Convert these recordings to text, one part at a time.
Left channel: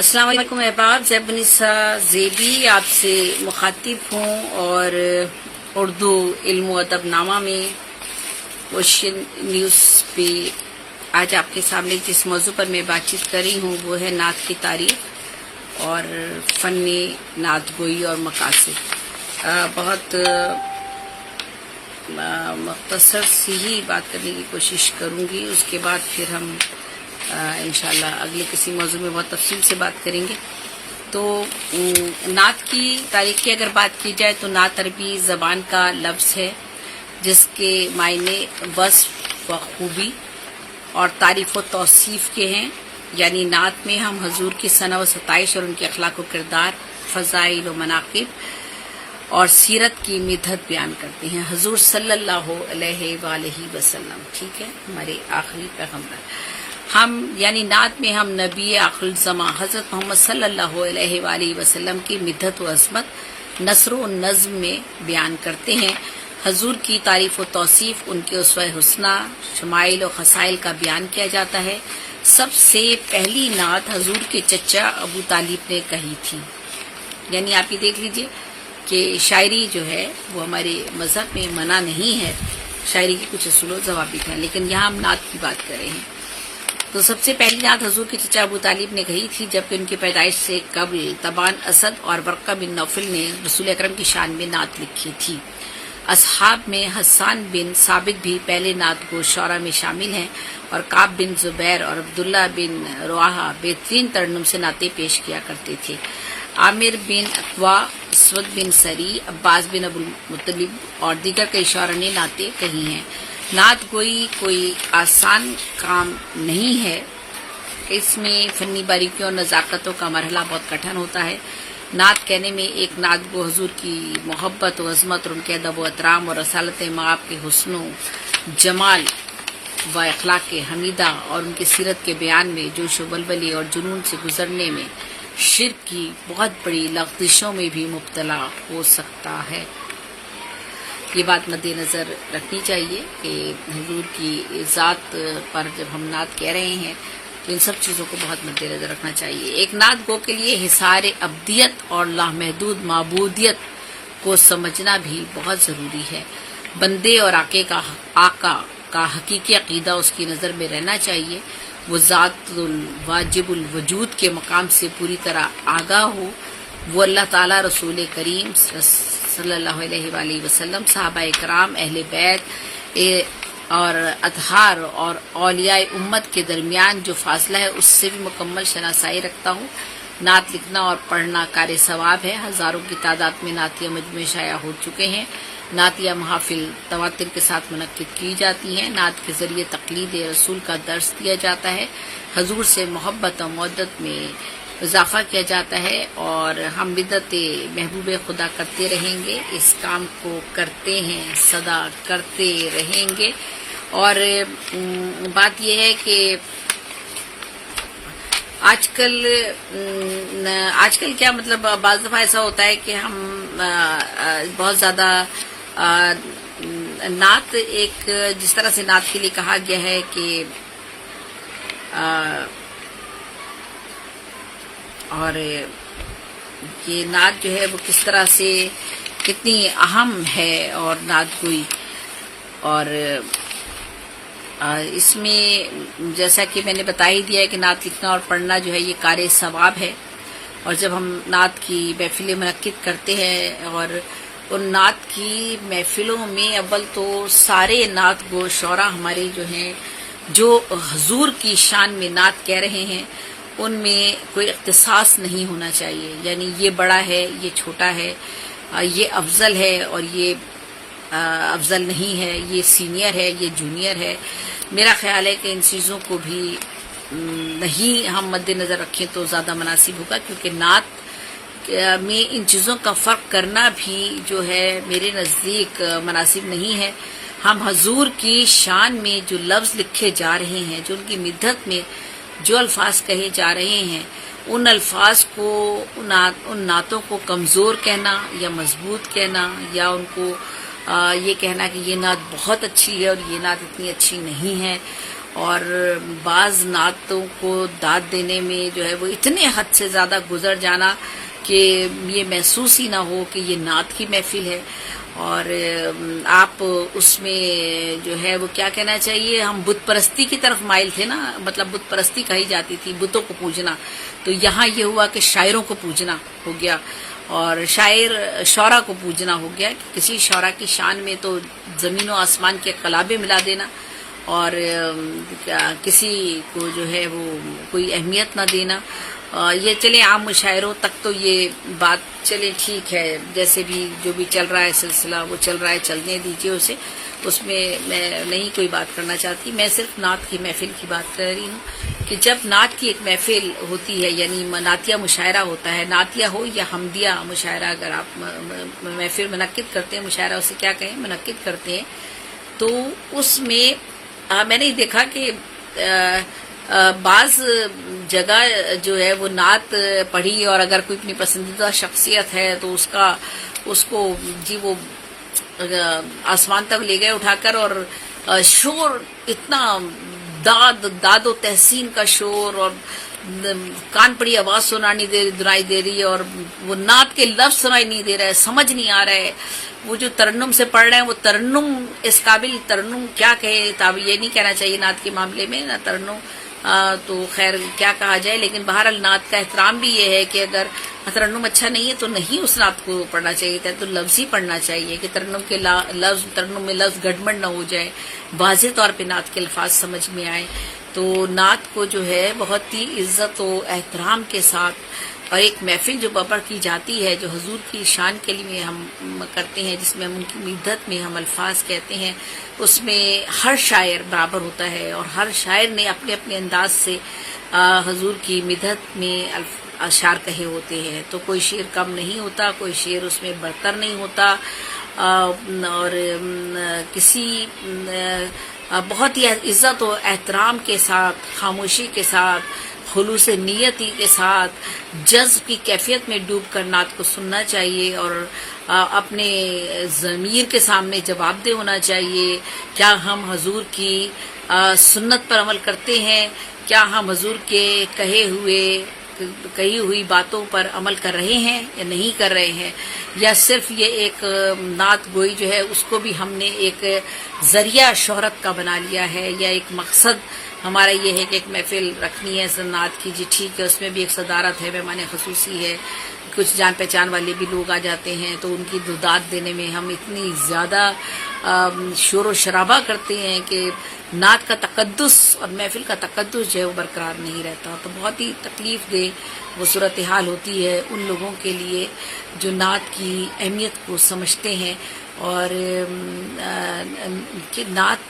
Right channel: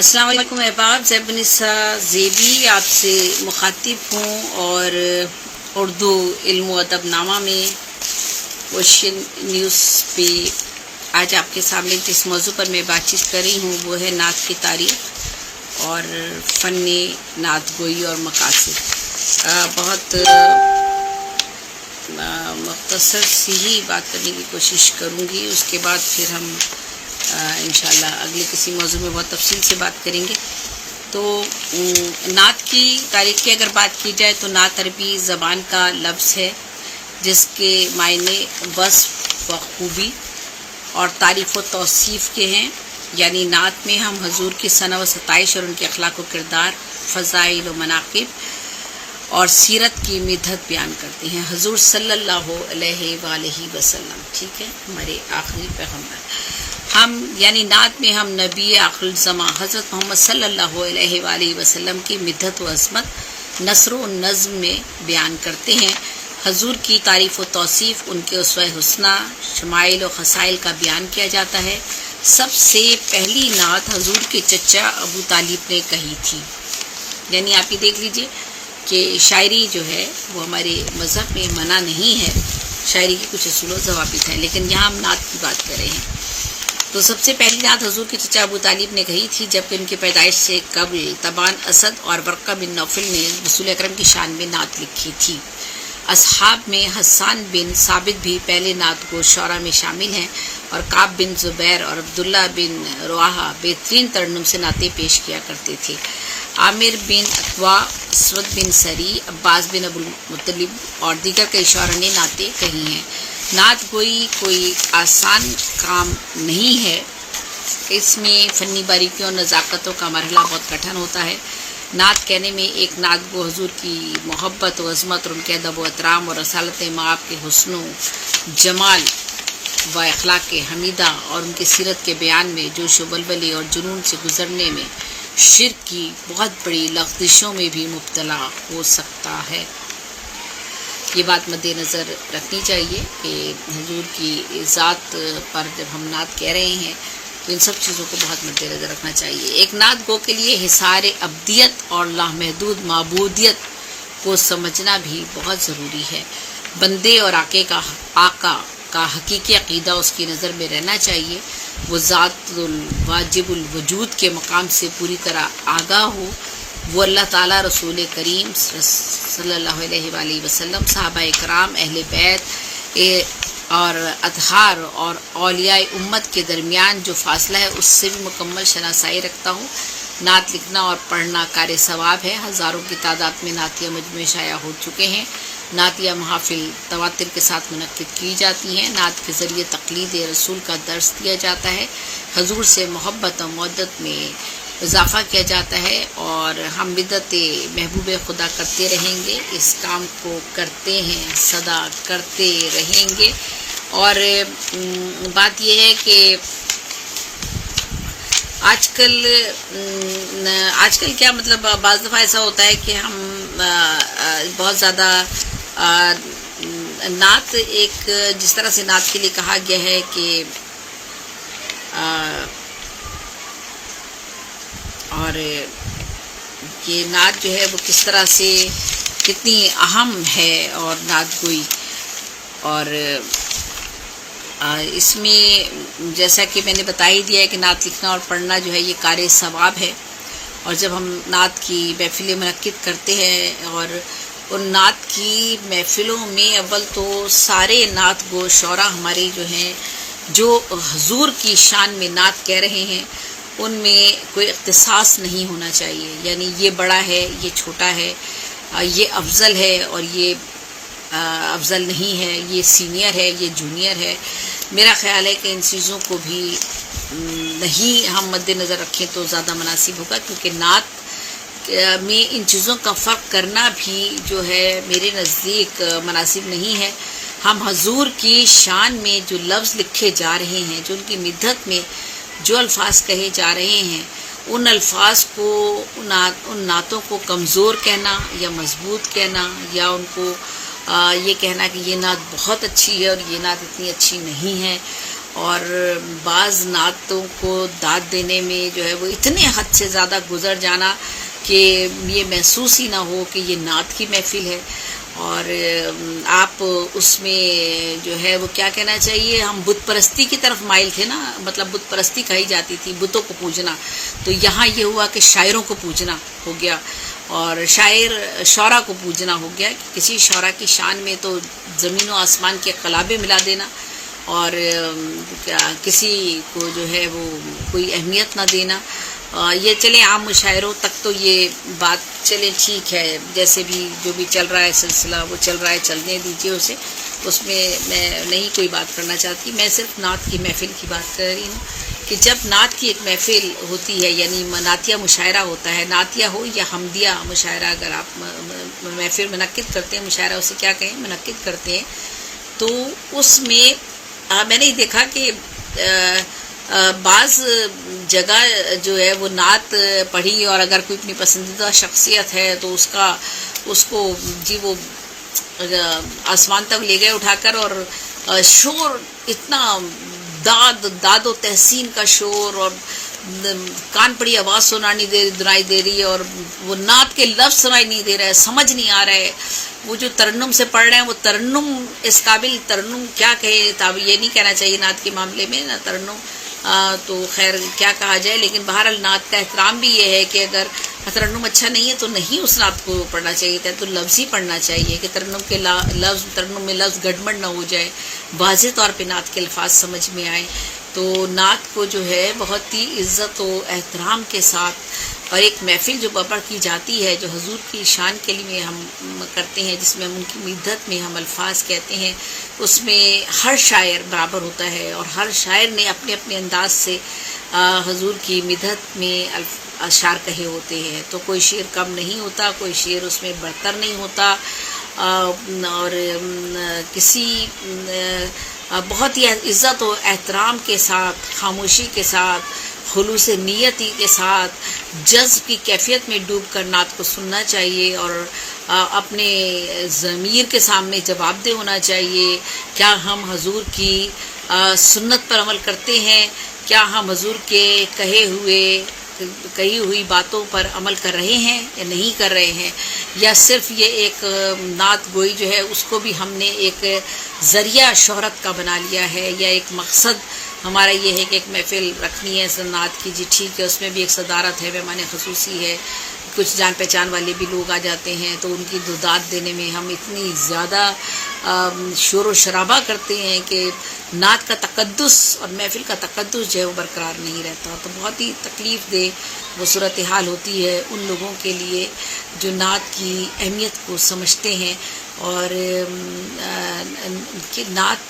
السلام علیکم احباب، زیب النساء زیبی آپ سے مخاطب ہوں اور اردو علم و ادب نامہ میں اوشین نیوز پہ آج آپ کے سامنے جس موضوع پر میں بات چیت کر رہی ہوں وہ ہے نعت کی تاریخ اور فن نعت گوئی اور مقاصد۔ بہت مختصر سی ہی بات کرنے کی کوشش کروں گی، اس کے بعد پھر ہم انشاءاللہ اگلے کسی موضوع میں بہت تفصیل سے بات کریں گے۔ تو نعت کی تاریخ کی اگر بات کی جائے تو نعت عربی زبان کا لفظ ہے جس کے معنی وصف و خوبی اور تعریف و توصیف کے ہیں، یعنی نعت میں ہم حضور کی ثنا و ستائش اور ان کے اخلاق و کردار، فضائل و مناقب اور سیرت کی مدحت بیان کرتے ہیں۔ حضور صلی اللہ علیہ وآلہ وسلم، ٹھیک ہے، ہمارے آخری پیغمبر، ہم یعنی نعت میں ہم نبی آخر الزماں حضرت محمد صلی اللہ علیہ وآلہ وسلم کی مدحت و عظمت نثر و نظم میں بیان کرتے ہیں۔ حضور کی تعریف و توصیف، ان کے اسوہ حسنہ، شمائل و خصائل کا بیان کیا جاتا ہے۔ سب سے پہلی نعت حضور کے چچا ابو طالب نے کہی تھی، یعنی آپ یہ دیکھ لیجئے کہ شاعری جو ہے وہ ہمارے مذہب میں منع نہیں ہے، شاعری کے کچھ اصول و ضوابط ہیں، لیکن یہاں ہم نعت کی بات کر رہے ہیں۔ تو سب سے پہلی نعت حضور کے چچا ابو طالب نے کہی تھی، جبکہ ان کی پیدائش سے قبل طبعاً اسد اور ورقہ بن نوفل نے رسول اکرم کی شان میں نعت لکھی تھی۔ اصحاب میں حسان بن ثابت بھی پہلے نعت گو شعراء میں شامل ہیں اور کعب بن زبیر اور عبداللہ بن رواحہ بہترین ترنم سے نعتیں پیش کیا کرتے تھے۔ عامر بن اقوا، اسود بن سری، عباس بن ابو المطلب اور دیگر کئی شعراء نے نعتیں کہی ہیں۔ نعت گوئی کوئی آسان کام نہیں ہے، اس میں فنی باریکیوں اور نزاکتوں کا مرحلہ بہت کٹھن ہوتا ہے۔ نعت کہنے میں ایک نعت گو حضور کی محبت و عظمت اور ان کے ادب و احترام اور رسالت مآب کے حسن و جمال و اخلاق حمیدہ اور ان کی سیرت کے بیان میں جوش و بلبلی اور جنون سے گزرنے میں شرک کی بہت بڑی لغزشوں میں بھی مبتلا ہو سکتا ہے۔ یہ بات مد نظر رکھنی چاہیے کہ حضور کی ذات پر جب ہم نعت کہہ رہے ہیں تو ان سب چیزوں کو بہت مد نظر رکھنا چاہیے۔ ایک نعت گو کے لیے حصار ابدیت اور لامحدود معبودیت کو سمجھنا بھی بہت ضروری ہے۔ بندے اور آقا کا حقیقی عقیدہ اس کی نظر میں رہنا چاہیے، وہ ذات الواجب الوجود کے مقام سے پوری طرح آگاہ ہو، وہ اللہ تعالیٰ، رسول کریم صلی اللہ علیہ وآلہ وسلم، صحابہ اکرام، اہل بیت اور اطہار اور اولیاء امت کے درمیان جو فاصلہ ہے اس سے بھی مکمل شناسائی رکھتا ہوں۔ نعت لکھنا اور پڑھنا کار ثواب ہے۔ ہزاروں کی تعداد میں نعتیہ مجموعے شائع ہو چکے ہیں۔ نعتیہ محافل تواتر کے ساتھ منعقد کی جاتی ہیں۔ نعت کے ذریعے تقلید رسول کا درس دیا جاتا ہے، حضور سے محبت و مودت میں اضافہ کیا جاتا ہے، اور ہم بدعت محبوب خدا کرتے رہیں گے، اس کام کو کرتے ہیں، سدا کرتے رہیں گے۔ اور بات یہ ہے کہ آج کل کیا مطلب بعض دفعہ ایسا ہوتا ہے کہ ہم بہت زیادہ نعت، ایک جس طرح سے نعت کے لیے کہا گیا ہے کہ اور یہ نعت جو ہے وہ کس طرح سے کتنی اہم ہے اور نعت گوئی، اور اس میں جیسا کہ میں نے بتا ہی دیا ہے کہ نعت لکھنا اور پڑھنا جو ہے یہ کار ثواب ہے، اور جب ہم نعت کی محفلیں منعقد کرتے ہیں اور ان نعت کی محفلوں میں اول تو سارے نعت گو شعراء ہمارے جو ہیں جو حضور کی شان میں نعت کہہ رہے ہیں ان میں کوئی اختصاص نہیں ہونا چاہیے، یعنی یہ بڑا ہے، یہ چھوٹا ہے، یہ افضل ہے اور یہ افضل نہیں ہے، یہ سینئر ہے، یہ جونیئر ہے۔ میرا خیال ہے کہ ان چیزوں کو بھی نہیں ہم مد نظر رکھیں تو زیادہ مناسب ہوگا، کیونکہ نعت میں ان چیزوں کا فرق کرنا بھی جو ہے میرے نزدیک مناسب نہیں ہے۔ ہم حضور کی شان میں جو لفظ لکھے جا رہے ہیں، جو ان کی مدحت میں جو الفاظ کہے جا رہے ہیں، ان الفاظ کو، ان نعتوں کو کمزور کہنا یا مضبوط کہنا، یا ان کو یہ کہنا کہ یہ نعت بہت اچھی ہے اور یہ نعت اتنی اچھی نہیں ہے، اور بعض نعتوں کو داد دینے میں جو ہے وہ اتنے حد سے زیادہ گزر جانا کہ یہ محسوس ہی نہ ہو کہ یہ نعت کی محفل ہے، اور آپ اس میں جو ہے وہ کیا کہنا چاہیے، ہم بت پرستی کی طرف مائل تھے نا، مطلب بت پرستی کہی جاتی تھی، بتوں کو پوجنا، تو یہاں یہ ہوا کہ شاعروں کو پوجنا ہو گیا، اور شعرا کو پوجنا ہو گیا، کسی شعرا کی شان میں تو زمین و آسمان کے قلابے ملا دینا، اور کسی کو جو ہے وہ کوئی اہمیت نہ دینا۔ یہ چلے عام مشاعروں تک تو یہ بات چلے ٹھیک ہے، جیسے بھی جو بھی چل رہا ہے سلسلہ وہ چل رہا ہے، چلنے دیجیے اسے، اس میں میں نہیں کوئی بات کرنا چاہتی، میں صرف نعت کی محفل کی بات کر رہی ہوں کہ جب نعت کی ایک محفل ہوتی ہے، یعنی نعتیہ مشاعرہ ہوتا ہے، نعتیہ ہو یا حمدیہ مشاعرہ، اگر آپ محفل منعقد کرتے ہیں، مشاعرہ اسے کیا کہیں، منعقد کرتے ہیں، تو اس میں میں نے دیکھا کہ بعض جگہ جو ہے وہ نعت پڑھی، اور اگر کوئی اپنی پسندیدہ شخصیت ہے تو اس کو جی وہ آسمان تک لے گئے اٹھا کر، اور شور اتنا داد و تحسین کا شور، اور کان پڑی آواز سنائی دے رہی ہے، اور وہ نعت کے لفظ سنائی نہیں دے رہا ہے، سمجھ نہیں آ رہا ہے، وہ جو ترنم سے پڑھ رہے ہیں وہ ترنم اس قابل ترنم کیا کہے، یہ نہیں کہنا چاہیے نعت کے معاملے میں نہ ترنم، تو خیر کیا کہا جائے، لیکن بہرحال نعت کا احترام بھی یہ ہے کہ اگر ترنم اچھا نہیں ہے تو نہیں اس نعت کو پڑھنا چاہیے تھا، تو لفظ ہی پڑھنا چاہیے کہ ترنم میں لفظ گڑبڑ نہ ہو جائے، واضح طور پہ نعت کے الفاظ سمجھ میں آئے۔ تو نعت کو جو ہے بہت ہی عزت و احترام کے ساتھ، اور ایک محفل جو برپا کی جاتی ہے جو حضور کی شان کے لیے ہم کرتے ہیں، جس میں ہم ان کی مدحت میں ہم الفاظ کہتے ہیں، اس میں ہر شاعر برابر ہوتا ہے، اور ہر شاعر نے اپنے اپنے انداز سے حضور کی مدحت میں اشعار کہے ہوتے ہیں، تو کوئی شعر کم نہیں ہوتا، کوئی شعر اس میں برتر نہیں ہوتا، اور کسی بہت ہی عزت و احترام کے ساتھ، خاموشی کے ساتھ، خلوص نیتی کے ساتھ، جذب کی کیفیت میں ڈوب کر نعت کو سننا چاہیے، اور اپنے ضمیر کے سامنے جواب دہ ہونا چاہیے، کیا ہم حضور کی سنت پر عمل کرتے ہیں، کیا ہم حضور کے کہی ہوئی باتوں پر عمل کر رہے ہیں یا نہیں کر رہے ہیں، یا صرف یہ ایک نعت گوئی جو ہے اس کو بھی ہم نے ایک ذریعہ شہرت کا بنا لیا ہے، یا ایک مقصد ہمارا یہ ہے کہ ایک محفل رکھنی ہے نعت کی، جی ٹھیک ہے، اس میں بھی ایک صدارت ہے، مہمان خصوصی ہے، کچھ جان پہچان والے بھی لوگ آ جاتے ہیں، تو ان کی داد دینے میں ہم اتنی زیادہ شور و شرابہ کرتے ہیں کہ نعت کا تقدس اور محفل کا تقدس جو ہے وہ برقرار نہیں رہتا، تو بہت ہی تکلیف دہ وہ صورتحال ہوتی ہے ان لوگوں کے لیے جو نعت کی اہمیت کو سمجھتے ہیں، اور کہ نعت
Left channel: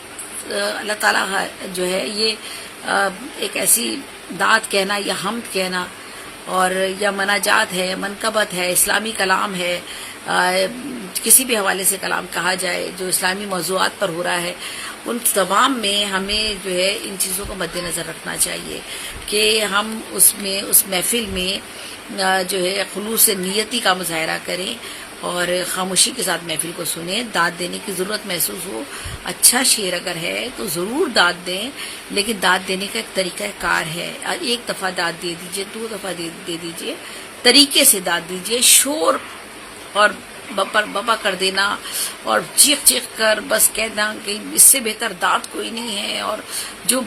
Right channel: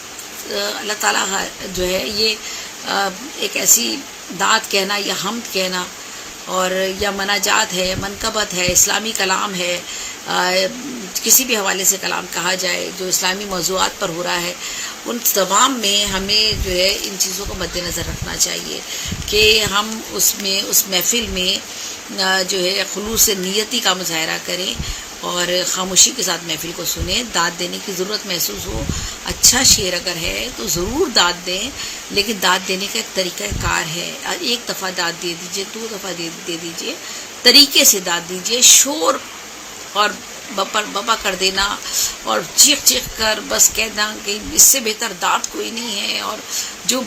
اللہ تعالیٰ جو ہے یہ ایک ایسی نعت کہنا یا حمد کہنا، اور یا مناجات ہے، منقبت ہے، اسلامی کلام ہے، کسی بھی حوالے سے کلام کہا جائے جو اسلامی موضوعات پر ہو رہا ہے، ان تمام میں ہمیں جو ہے ان چیزوں کو مد نظر رکھنا چاہیے کہ ہم اس محفل میں جو ہے خلوص نیتی کا مظاہرہ کریں، اور خاموشی کے ساتھ محفل کو سنیں، داد دینے کی ضرورت محسوس ہو، اچھا شعر اگر ہے تو ضرور داد دیں، لیکن داد دینے کا ایک طریقہ کار ہے، ایک دفعہ داد دے دیجئے، 2 دفعہ دے دیجئے، طریقے سے داد دیجئے، شور اور بپا کر دینا اور چیخ کر بس کہنا کہ اس سے بہتر داد کوئی نہیں ہے، اور جو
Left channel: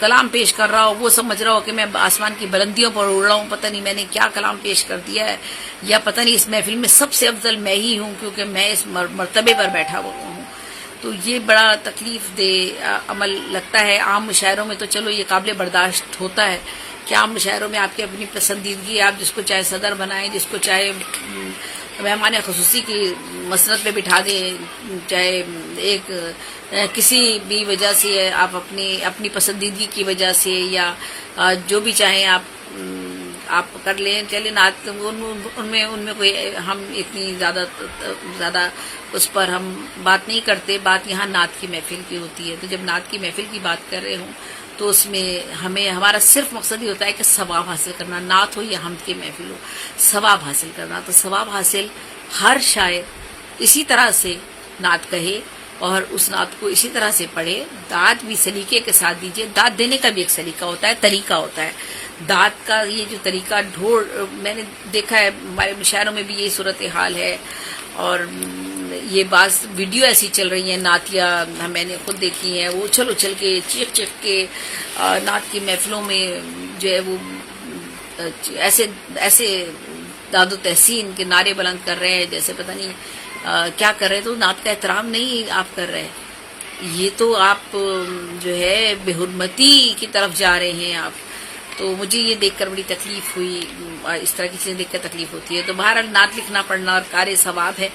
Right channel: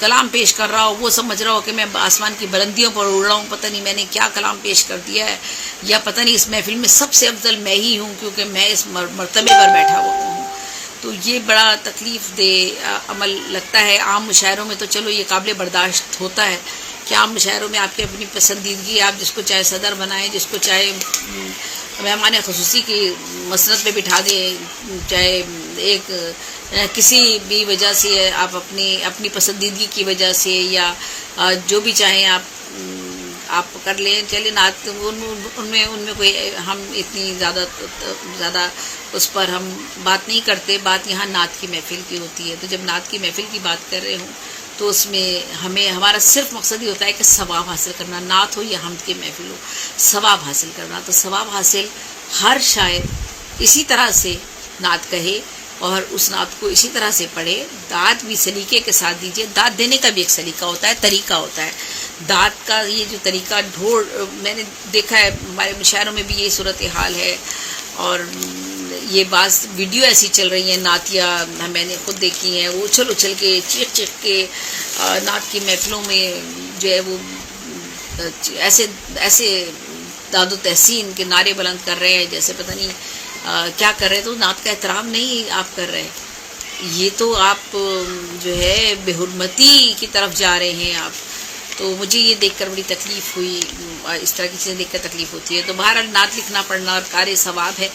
کلام پیش کر رہا ہو وہ سمجھ رہا ہو کہ میں آسمان کی بلندیوں پر اڑ رہا ہوں، پتہ نہیں میں نے کیا کلام پیش کر دیا ہے، یا پتہ نہیں اس محفل میں سب سے افضل میں ہی ہوں کیونکہ میں اس مرتبے پر بیٹھا ہوا ہوں، تو یہ بڑا تکلیف دہ عمل لگتا ہے۔ عام مشاعروں میں تو چلو یہ قابل برداشت ہوتا ہے کہ عام مشاعروں میں آپ کی اپنی پسندیدگی، آپ جس کو چاہے صدر بنائیں، جس کو چاہے مہمان خصوصی کی مسند پہ بٹھا دیں، چاہے ایک کسی بھی وجہ سے آپ اپنی پسندیدگی کی وجہ سے، یا جو بھی چاہیں آپ کر لیں، چلے نعت ان میں کوئی ہم اتنی زیادہ اس پر ہم بات نہیں کرتے، بات یہاں نعت کی محفل کی ہوتی ہے، تو جب نعت کی محفل کی بات کر رہے ہوں تو اس میں ہمارا صرف مقصد یہ ہوتا ہے کہ ثواب حاصل کرنا، نعت ہو یا حمد کی محفل ہو، ثواب حاصل کرنا، تو ثواب حاصل ہر شاعر اسی طرح سے نعت کہے اور اس نعت کو اسی طرح سے پڑھے. داد بھی سلیقے کے ساتھ دیجیے. داد دینے کا بھی ایک سلیقہ ہوتا ہے, طریقہ ہوتا ہے. داد کا یہ جو طریقہ میں نے دیکھا ہے ہمارے مشاعروں میں بھی یہ صورتحال ہے, اور یہ بعض ویڈیو ایسی چل رہی ہیں نعتیہ میں نے خود دیکھی ہیں, وہ اچھل اچھل کے چیخ چیخ کے نعت کی محفلوں میں جو ہے وہ ایسے داد و تحسین کے نعرے بلند کر رہے ہیں جیسے پتہ نہیں کیا کر رہے ہیں. تو نعت کا احترام نہیں آپ کر رہے, یہ تو آپ جو ہے بے حرمتی کی طرف جا رہے ہیں آپ. تو مجھے یہ دیکھ کر بڑی تکلیف ہوئی, اس طرح کی چیزیں دیکھ کر تکلیف ہوتی ہے. تو بہرحال نعت لکھنا پڑھنا اور کار ثواب ہے,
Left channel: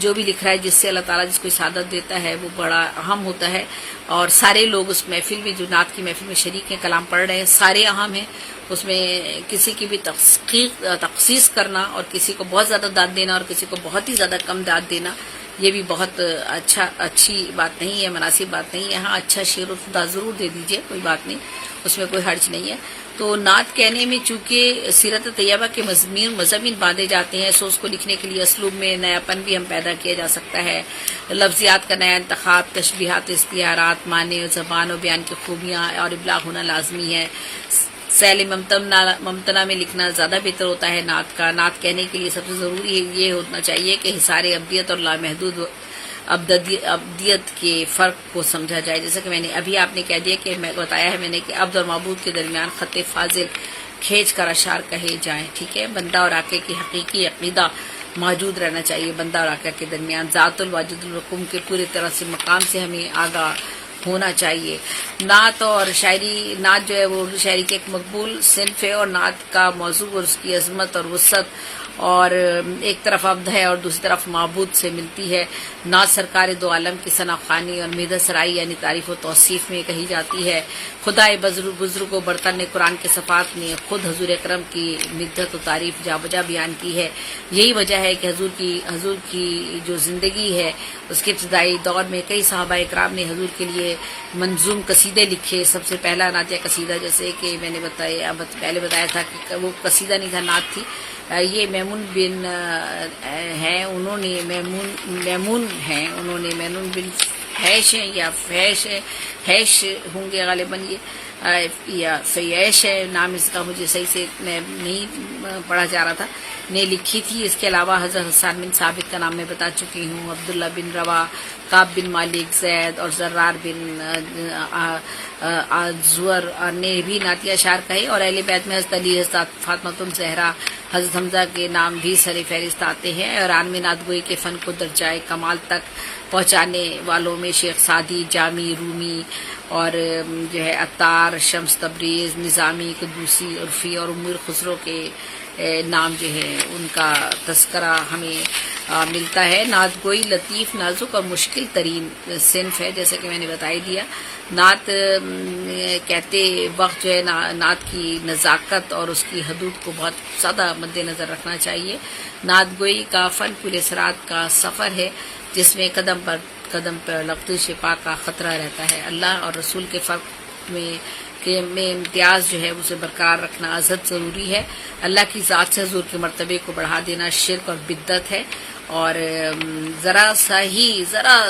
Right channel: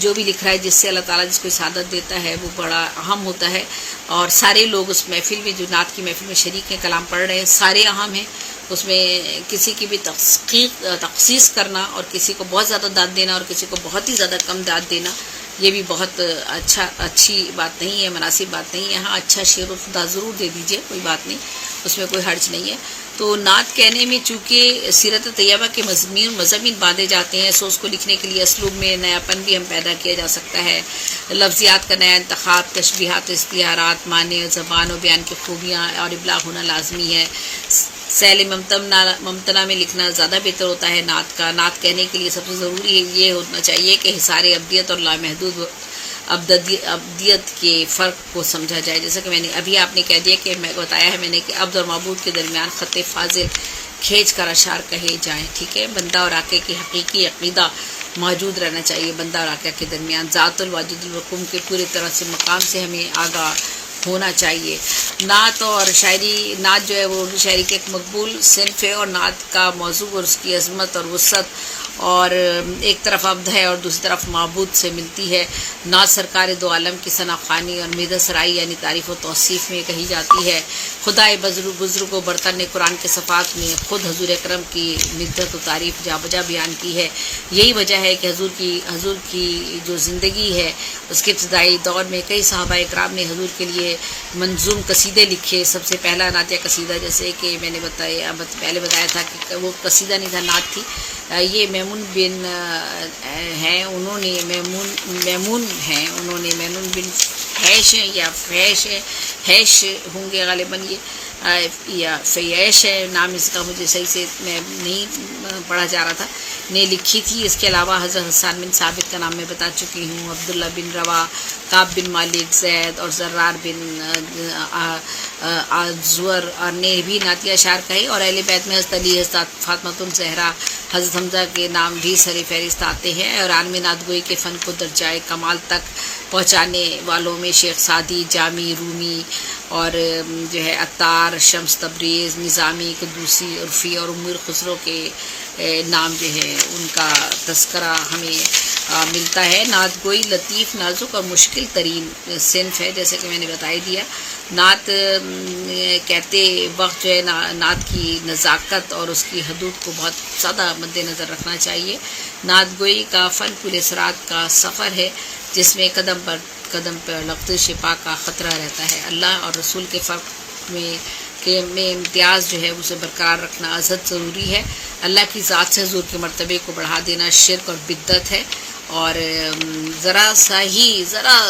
جو بھی لکھ رہا ہے جس سے اللہ تعالیٰ جس کو سعادت دیتا ہے وہ بڑا اہم ہوتا ہے. اور سارے لوگ اس محفل میں جو نعت کی محفل میں شریک ہیں, کلام پڑھ رہے ہیں, سارے اہم ہیں. اس میں کسی کی بھی تخصیص کرنا اور کسی کو بہت زیادہ داد دینا اور کسی کو بہت ہی زیادہ کم داد دینا, یہ بھی بہت اچھی بات نہیں ہے, مناسب بات نہیں ہے. ہاں اچھا شعر و داد ضرور دے دیجئے, کوئی بات نہیں, اس میں کوئی حرج نہیں ہے. تو نعت کہنے میں چونکہ سیرت طیبہ کے مضامین باندھے جاتے ہیں, سو اس کو لکھنے کے لیے اسلوب میں نیا پن بھی ہم پیدا کیا جا سکتا ہے. لفظیات کا نیا انتخاب, تشبیہات, استعارات, معنی, زبان و بیان کی خوبیاں اور ابلاغ ہونا لازمی ہے. سیل ممتنع میں لکھنا زیادہ بہتر ہوتا ہے نعت کا. نعت کہنے کے لیے سب سے ضروری یہ ہونا چاہیے کہ حصار ابدیت اور لامحدود ابدیت کے فرق کو سمجھا جائے. جیسا کہ میں نے ابھی آپ نے کہہ دیا کہ میں بتایا ہے میں نے کہ عبد اور معبود کے درمیان خط فاضل کھینچ کر اشعار کہے جائیں. ٹھیک ہے, بندہ اور آقا کی حقیقی عقیدہ موجود رہنا چاہیے. بندہ اور آقا کے درمیان ذات الواجد الرقوم کے پورے طرح سے مقام سے ہمیں آگاہ ہونا چاہیے. نعت اور شاعری, نعت جو ہے وہ اردو شاعری کے ایک مقبول صنف ہے, اور نعت کا موضوع اور اس کی عظمت اور وسعت اور ایک طرف عبد ہے اور دوسری طرف معبود سے ملتی ہے. نعت سرکار دو عالم کی ثنا خوانی اور مدح سرائی یعنی تعریف و توصیف میں کہی جاتی ہے. خدائے بزرگ و برتن نے قرآن کے صفات میں خود حضور اکرم کی مدحت و تعریف جا بجا بیان کی ہے. یہی وجہ ہے کہ حضور کی جو زندگی ہے اس کے ابتدائی دور میں کئی صحابہ اکرام نے حضور کے لیے منظوم قصیدے لکھے. سب سے پہلا نعتیہ قصیدہ جیسے کہ میں نے پہلے بتایا تھا کہ وہ قصیدہ نہیں تھا, نعت تھی. یہ میمون بن ہیں, انہوں نے میمون بن حیش یا حیش ہوں گے غالباً, یہ یا فیش ہے نام اس کا, مجھے صحیح سے میں نہیں پڑھا جا رہا تھا, نے لکھی تھی. اس کے علاوہ حضرت حسان بن ثابت کا نام میں بتا چکی ہوں, عبداللہ بن روا, کعب بن مالک, زید اور زرار بن زور نے بھی نعتیہ اشعار کہے. اور اہل بیت میں حضرت علی, حضرت فاطمۃ الزہرا, حضرت حمزہ کے نام بھی سر فہرست آتے ہیں. اور عالمی نعت گوئی کے فن کو درجۂ کمال تک پہنچانے والوں میں شیخ سعدی, جامی, رومی اور جو ہے عطار, شمس تبریز, نظامی, قدوسی, عرفی اور امیر خسرو کے نام جو ہے ان کا تذکرہ ہمیں ملتا ہے. نعت گوئی لطیف, نازک اور مشکل ترین صنف ہے, جیسا کہ میں نے بتا ہی دیا. نعت کہتے وقت جو ہے نعت کی نزاکت اور اس کی حدود کو بہت زیادہ مد نظر رکھنا چاہیے. نعت گوئی کا فن پورے سرات کا سفر ہے جس میں قدم پر لغزش پاک کا خطرہ رہتا ہے. اللہ اور رسول کے فرق میں امتیاز جو ہے اسے برقرار رکھنا ازحد ضروری ہے. اللہ کی ذات سے حضور کے مرتبے کو بڑھا دینا شرک اور بدعت ہے, اور ذرا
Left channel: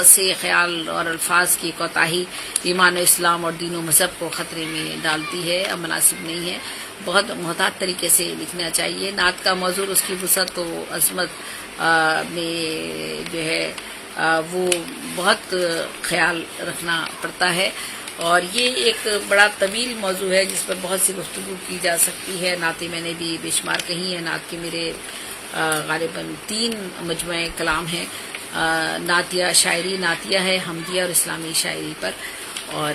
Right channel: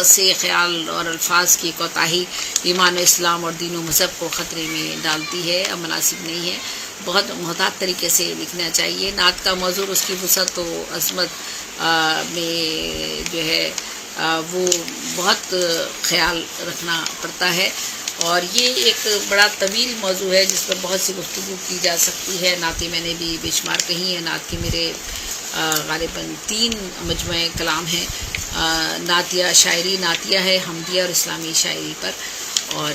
سے خیال اور الفاظ کی کوتاہی ایمان و اسلام اور دین و مذہب کو خطرے میں ڈالتی ہے, اب مناسب نہیں ہے. بہت محتاط طریقے سے لکھنا چاہیے. نعت کا موضوع اس کی وسعت و عظمت میں جو ہے وہ بہت خیال رکھنا پڑتا ہے, اور یہ ایک بڑا طویل موضوع ہے جس پر بہت سی گفتگو کی جا سکتی ہے. نعتیں میں نے بھی بے شمار کہی ہیں. نعت کے میرے غالباً 3 مجموعہ کلام ہیں. نعتیہ شاعری, نعتیہ ہے, حمدیہ اور اسلامی شاعری پر. اور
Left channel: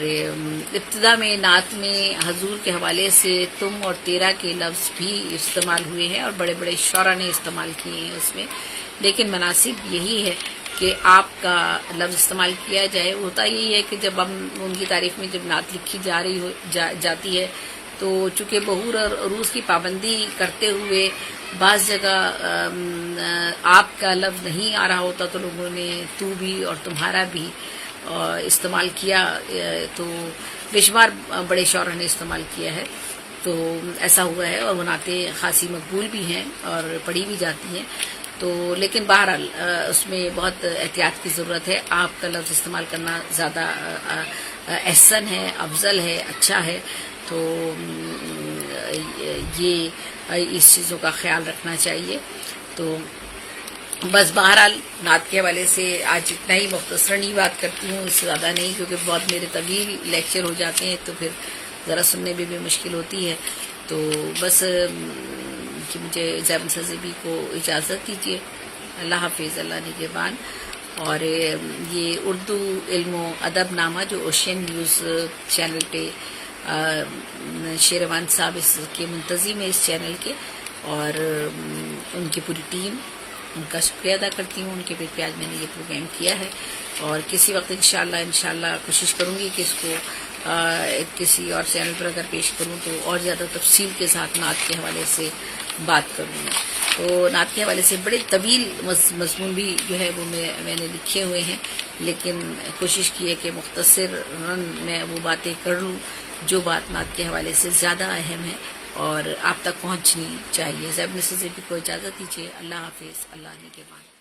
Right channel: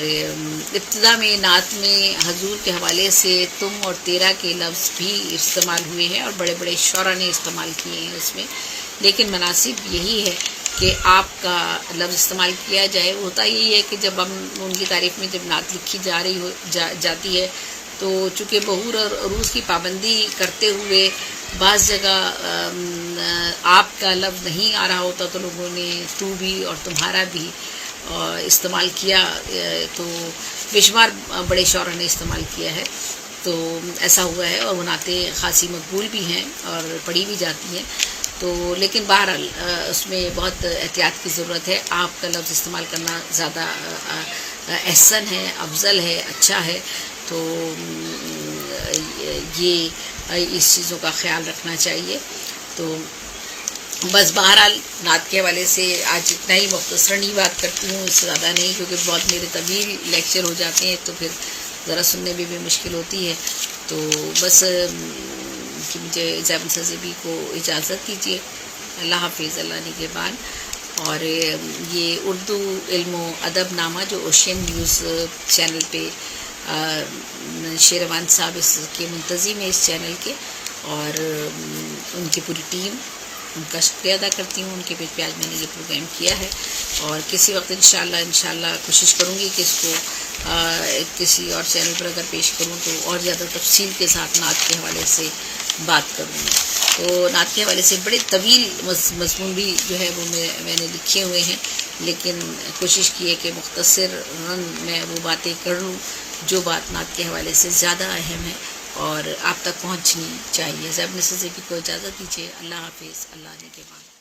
ابتدا میں نعت میں حضور کے حوالے سے تم اور تیرا کے لفظ بھی استعمال ہوئے ہیں اور بڑے بڑے شعراء نے استعمال کیے ہیں اس میں, لیکن مناسب یہی ہے کہ آپ کا لفظ استعمال کیا جائے. ہوتا یہی ہے کہ جب ہم ان کی تعریف میں جب نعت لکھی جاتی ہے تو چونکہ بہور اور عروض کی پابندی کرتے ہوئے بعض جگہ آپ کا لفظ نہیں آ رہا ہوتا تو لوگوں نے تو بھی اور تمہارا بھی استعمال کیا, تو بے شمار بڑے شعراء نے استعمال کیا ہے. تو ایسا ہوا ہے, اور وہ نعتیں خاصی مقبول بھی ہیں اور پڑھی بھی جاتی ہیں. تو لیکن بہرحال اس میں بہت احتیاط کی ضرورت ہے. آپ کا لفظ استعمال کرنا زیادہ احسن ہے، افضل ہے، اچھا ہے. تو یہ اس چیزوں کا خیال رکھنا چاہیے. تو بس بہرحال نعت کے حوالے سے آج اتنا ہی، مختصراً ہی بات کرتی ہوں، اس سے زیادہ نہیں، کیونکہ بہت میرے طویل لیکچر ہو جاتے ہیں تو پھر ذرا سننے میں بھی مشکل ہوتی ہے. تو بس کہ مجھے زیب سزیبی کو اجازت دیجیے. اللہ حافظ، اللہ نگہبان. اور یہ اردو علم و ادب نامہ جو اوشین نیوز چینل پہ شیروان صاحب اس کے منتظم ہے، اس چینل کے، اور ان کی پوری ٹیم، ان کا شکریہ ادا کرتی ہوں. ان کے پیج پہ آج میں نے یہ پروگرام کیا ہے، اور کسی وقت انشاءاللہ کوشش کروں گی کہ اس کو کسی اور چینل پر اگر پیش کروں تو اور زیادہ تفصیل کے ساتھ نعت کے حوالے سے بات کروں گی. تو نعت کے حوالے سے بڑے طویل مضمون بھی جو ہے وہ میں نے لکھے ہوئے ہیں، لیکن کوشش کی ہے کہ مختصر میں وہ باتیں کر لوں جو بات نعت کے حوالے سے زیادہ اہم ہے اور آپ تک پہنچنی چاہیے. زیب سزیبی کو اجازت دیجیے. اللہ حافظ، اللہ نگہبان.